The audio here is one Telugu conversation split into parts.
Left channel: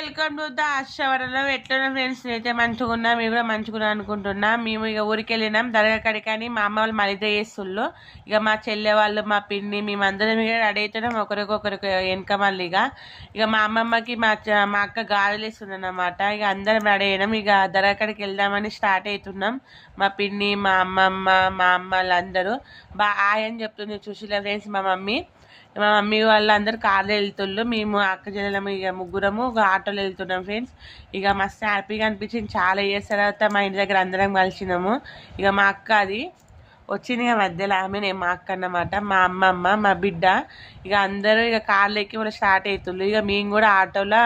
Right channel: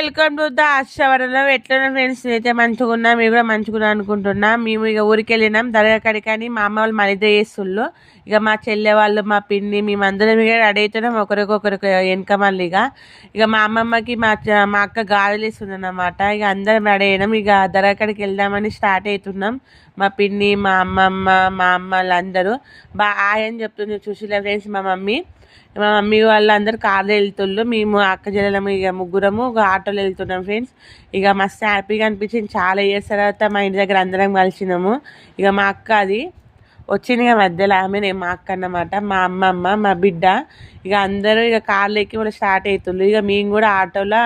వెల్కమ్ టు ద ఆశవరంలో ఎట్లున్నా ఫ్రెండ్స్ అయితే మంచిగా ఉన్నా మీరు కూడా మంచిగా అనుకుంటున్నా. మేము ఇక ఊరికి వెళ్ళినాం. దర్గా కడికని మా అమ్మ వాళ్ళు మలిద చేస్తుళ్ళు. ఇక మా చెల్లె వాళ్ళు మా పిన్ని మేమందరం ఇక రెడీ అవుతున్నాం. ఒకరికొకరికి వెనక మళ్ళీ ఇక. ఇక మా అమ్మమ్మకి మా మా అక్క గాజులు ఇస్తుంది అన్నమాట ఇక అందరం రెడీ అయినాం. ఇక దర్గా కడికి వెళ్దామని స్టార్ట్ అవుతున్నాం. మా పిన్ని మా అమ్మమ్మ మా అమ్మ వాళ్ళందరూ బాగా అని చెప్తుంది చూసిలే ఫ్రెండ్స్ మా మమ్మీ? మా మమ్మీ వాళ్ళందరూ కార్లో వెళ్తుండ్రు. మేము అక్క చెల్లెలము ఇక ముగ్గురము ఒక ఆటోలో వెళ్తున్నాం ఫ్రెండ్స్. ఇక మస్తు హ్యాపీగా అనిపించింది. చాలా ఇయర్స్ తర్వాత మా ఇంటి దగ్గర అందరం కలిసినాము. ఇక మా అక్క అది వచ్చింది ఇక మధ్యలో ఆమె నేను మా అక్క అన్నమాట. మా అమ్మమ్మ మా బిడ్డ. ఇక అందరూ ఇక కార్లు ఎక్కి కూడా స్టార్ట్ అవుతుంది ఇక మేము కూడా ఆటోలో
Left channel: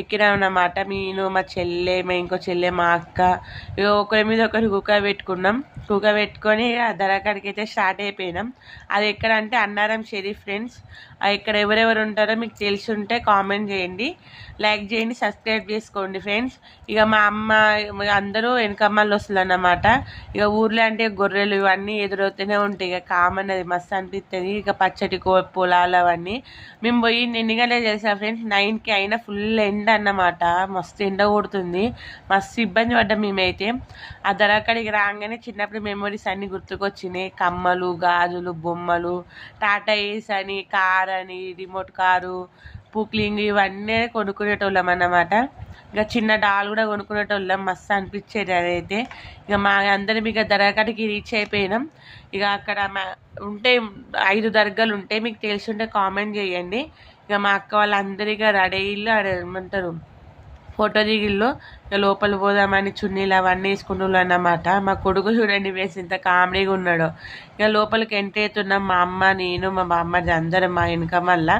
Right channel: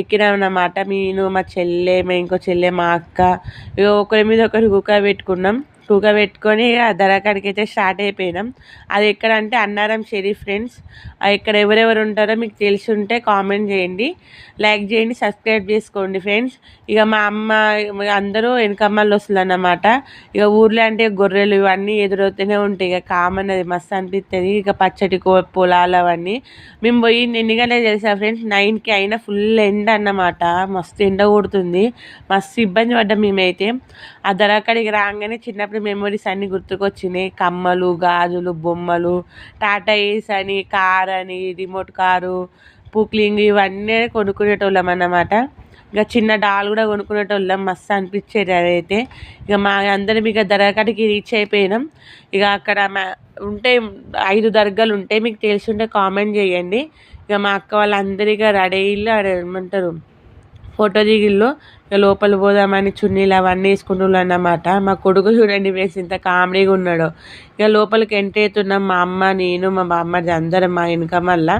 ఎక్కినామన్నమాట. నేను మా చెల్లె మా ఇంకో చెల్లె మా అక్క ఇక ఒకరి మీద ఒకరు కుక్క పెట్టుకున్నాం. కుక్క పెట్టుకొని ఇక దరకాడికి అయితే స్టార్ట్ అయిపోయినాం. అది ఎక్కడ అంటే అన్నారం షెరీ ఫ్రెండ్స్. ఇక్కడ ఎవరెవరు ఉంటారో మీకు తెలిసి ఉంటే కామెంట్ చేయండి. లైక్ చేయండి సబ్స్క్రైబ్ చేసుకోండి ఫ్రెండ్స్. ఇక మా అమ్మ అందరూ వెనకమ్మలు వస్తుందన్నమాట ఇక ఊర్లో అంటే గొర్రెలు ఇవన్నీ ఎదురవుతూనే ఉంటాయి. ఇక కామన్ అది మస్తు అనిపిస్తుంది ఇక పచ్చటి పొలాలు అవన్నీ. మేము పోయి ఎన్ని గంటలు చేసాం ఫ్రెండ్స్ నైన్కి అయినా ఫుల్ ఎండ అన్నమాట. మస్తు ఎండ కొడుతుంది. మస్తు ఇబ్బంది పడ్డాం మేమైతే. ఆ ధరకడికి రాగానే చిన్నప్పుడు మెమొరీస్ అన్నీ గుర్తుకొచ్చినాయి. కమ్మలు గాజులు బొమ్మలు టాటా ఏస్ అని కార్ అని రిమోట్ కారు పుక్లింగ్ ఇవన్నీ కొనుక్కునేటోళ్ళం అన్నమాట. ఇక చిన్న డాల్ కూడా కొనుక్కునేటోళ్ళం. మస్తు అనిపించేది అదైతే. ఇక మా అందరం ఇక దర్గాకి రీచ్ అయిపోయినాం. ఇక అక్కడ ఉంటే ఐదు దర్గాలు ఉంటాయి మీకు తెలుసుంటే కామెంట్ చేయండి. ఇక మా అక్క వాళ్ళందరికీ రెడీ ఇల్లు ఏమంటారు ఫోటో దిగిళ్ళు ఇక లోపల పోదామని చున్నీలు అవన్నీ వేసుకుంటున్నాం అన్నమాట. మా కొడుకు చూడండి వేసి ఇంత కామెడీగా ఉన్నాడు. ఇక లోపలికి ఎంటర్ అవుతున్నాం మా అమ్మ నేను మా బామ్మ అందరం మా వెనక మళ్ళా.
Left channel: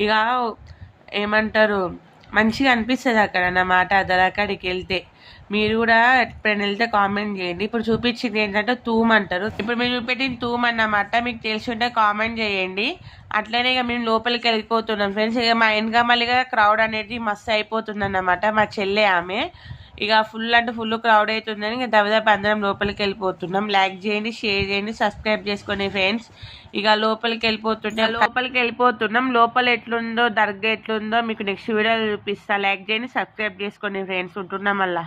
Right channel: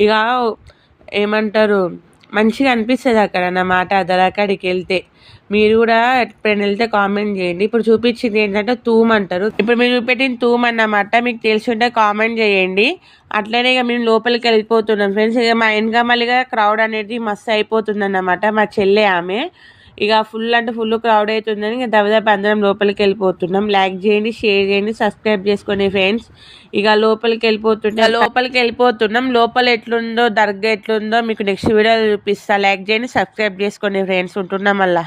ఇక ఏమంటారు మంచిగా అనిపిస్తుంది అక్కడ అన్నమాట అక్కడికి వెళ్తే. మీరు కూడా ఎప్పుడైనా వెళ్తే కామెంట్ చేయండి. ఇప్పుడు చూపించింది ఏంటంటే తూమ్ అంటారు. ఇప్పుడు మీరు చూపెట్టిన తూమ్ అన్నమాట. మీకు తెలిసి ఉంటే కామెంట్ చేయండి. అట్లనే ఇక మేము లోపలికి వెళ్ళిపోతున్నాం. ఫ్రెండ్స్ ఇక మా వెనక మళ్ళీగా క్రౌడ్ అనేది మస్తు అయిపోతుంది అన్నమాట మా చెల్లె ఆమె. ఇక ఫుల్ అంటే ఫుల్ క్రౌడ్ అవుతుందని ఇక దవదప్ప అందరం లోపలికి వెళ్ళిపోతున్నాం. లైక్ చేయండి షేర్ చేయండి సబ్స్క్రైబ్ చేసుకోండి ఫ్రెండ్స్ ఇక లోపలికి వెళ్ళిపోతుంటే లోపలికి వెళ్ళిపోతున్నాం. లోపల ఎట్లుందో దర్గా ఎట్లుందో మీకు నెక్స్ట్ వీడియో చూపిస్తా. లైక్ చేయండి సబ్స్క్రైబ్ చేసుకోండి ఫ్రెండ్స్ ఉంటున్నాం మళ్ళీ.